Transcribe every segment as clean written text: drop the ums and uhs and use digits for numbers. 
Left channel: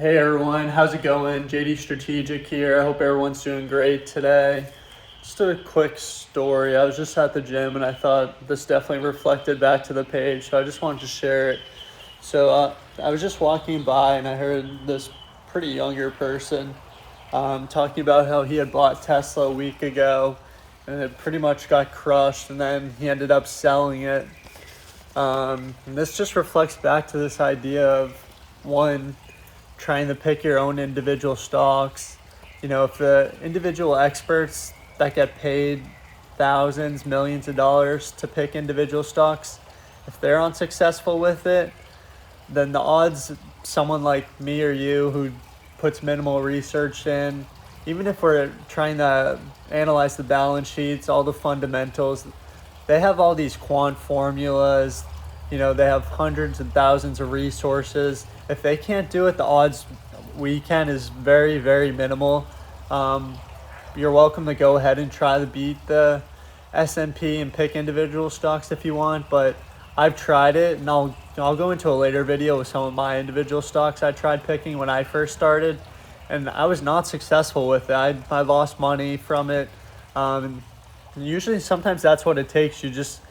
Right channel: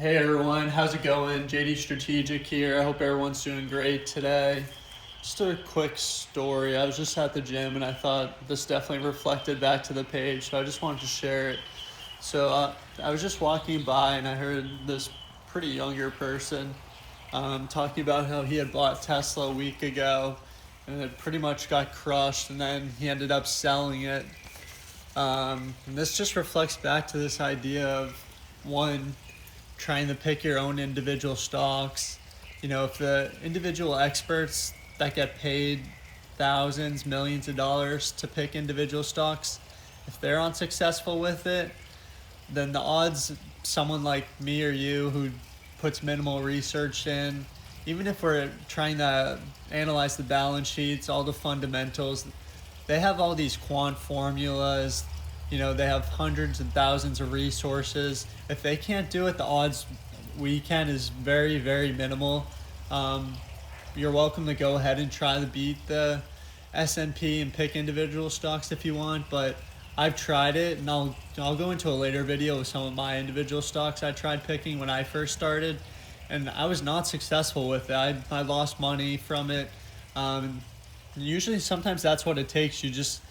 Hey everyone, how's it going? JD Strategic here. I hope everyone's doing great today. Just a quick story. I was just at the gym and I thought this definitely reflected back to the page, so I just wanted to share it. I was just walking by and I heard this pretty younger person talking about how he had bought Tesla a week ago and it pretty much got crushed, and then he ended up selling it. And this just reflects back to this idea of one, trying to pick your own individual stocks. You know, if the individual experts that get paid thousands, millions of dollars to pick individual stocks, if they're unsuccessful with it, then the odds someone like me or you who puts minimal research in, even if we're trying to analyze the balance sheets, all the fundamentals, they have all these quant formulas, you know, they have hundreds and thousands of resources. If they can't do it, the odds we can is very, very minimal. You're welcome to go ahead and try to beat the S&P and pick individual stocks if you want, but I've tried it, and I'll go into a later video with some of my individual stocks I tried picking when I first started, and I was not successful with it. I lost money from it. Usually, sometimes that's what it takes. You just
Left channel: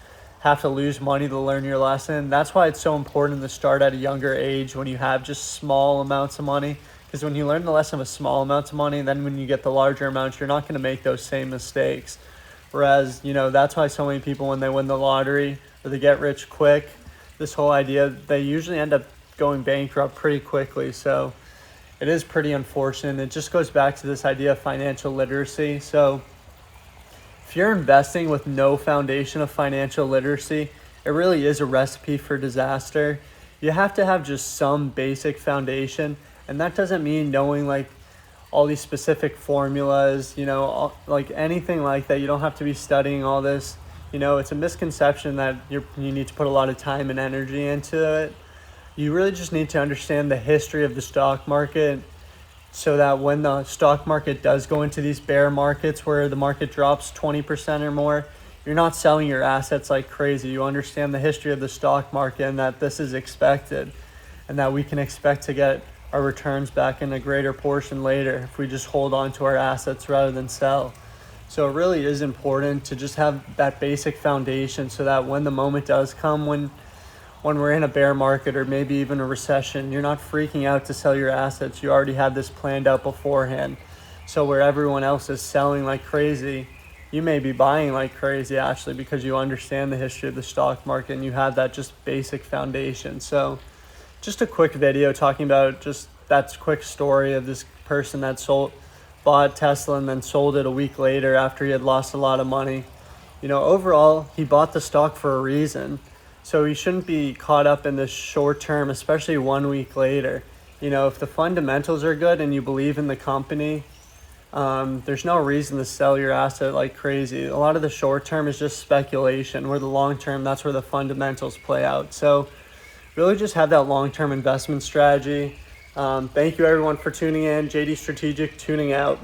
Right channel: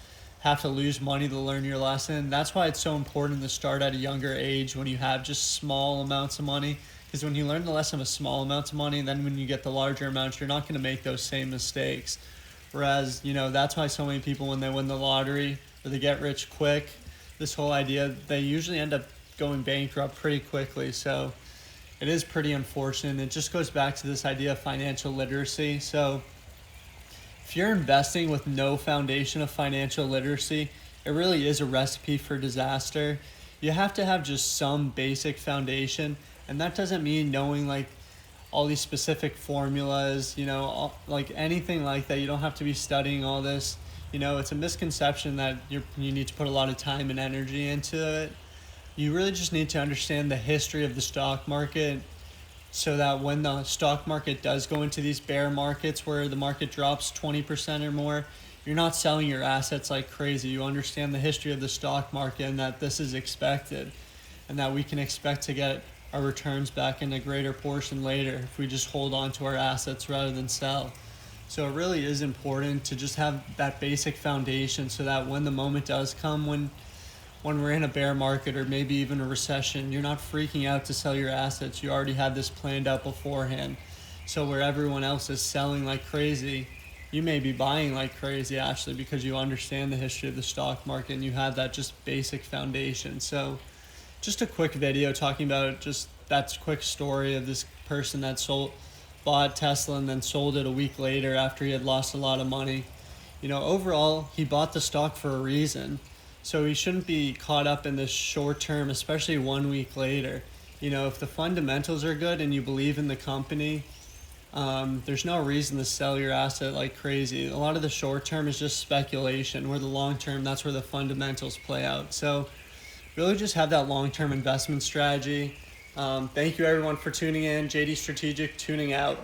have to lose money to learn your lesson. That's why it's so important to start at a younger age when you have just small amounts of money, because when you learn the lesson with small amounts of money, then when you get the larger amounts, you're not going to make those same mistakes. Whereas, you know, that's why so many people, when they win the lottery or they get rich quick, this whole idea, they usually end up going bankrupt pretty quickly. So it is pretty unfortunate. It just goes back to this idea of financial literacy. So if you're investing with no foundation of financial literacy, it really is a recipe for disaster. You have to have just some basic foundation, and that doesn't mean knowing like all these specific formulas, you know, like anything like that. You don't have to be studying all this. You know, it's a misconception that you need to put a lot of time and energy into it. You really just need to understand the history of the stock market, so that when the stock market does go into these bear markets where the market drops 20% or more, you're not selling your assets like crazy. You understand the history of the stock market and that this is expected, and that we can expect to get our returns back in a greater portion later if we just hold on to our assets rather than sell. So it really is important to just have that basic foundation, so that when the moment does come, when we're in a bear market or maybe even a recession, you're not freaking out to sell your assets. You already have this planned out beforehand. So where everyone else is selling like crazy, you may be buying like crazy actually, because you understand the history of the stock market and you have that just basic foundation. So just a quick video talking about just that quick story of this person that bought Tesla and then sold it a week later after he had lost a lot of money. You know, overall, he bought the stock for a reason. So you shouldn't be caught up in this short term, especially 1 week later. You know, if the fundamentals are good and you believe in the company, there's no reason to sell your asset like crazy. A lot of the short term is just speculation, where the long term, that's where the fundamentals play out. So really just have that long-term investment strategy. Thank you everyone for tuning in. JD Strategic tuning out.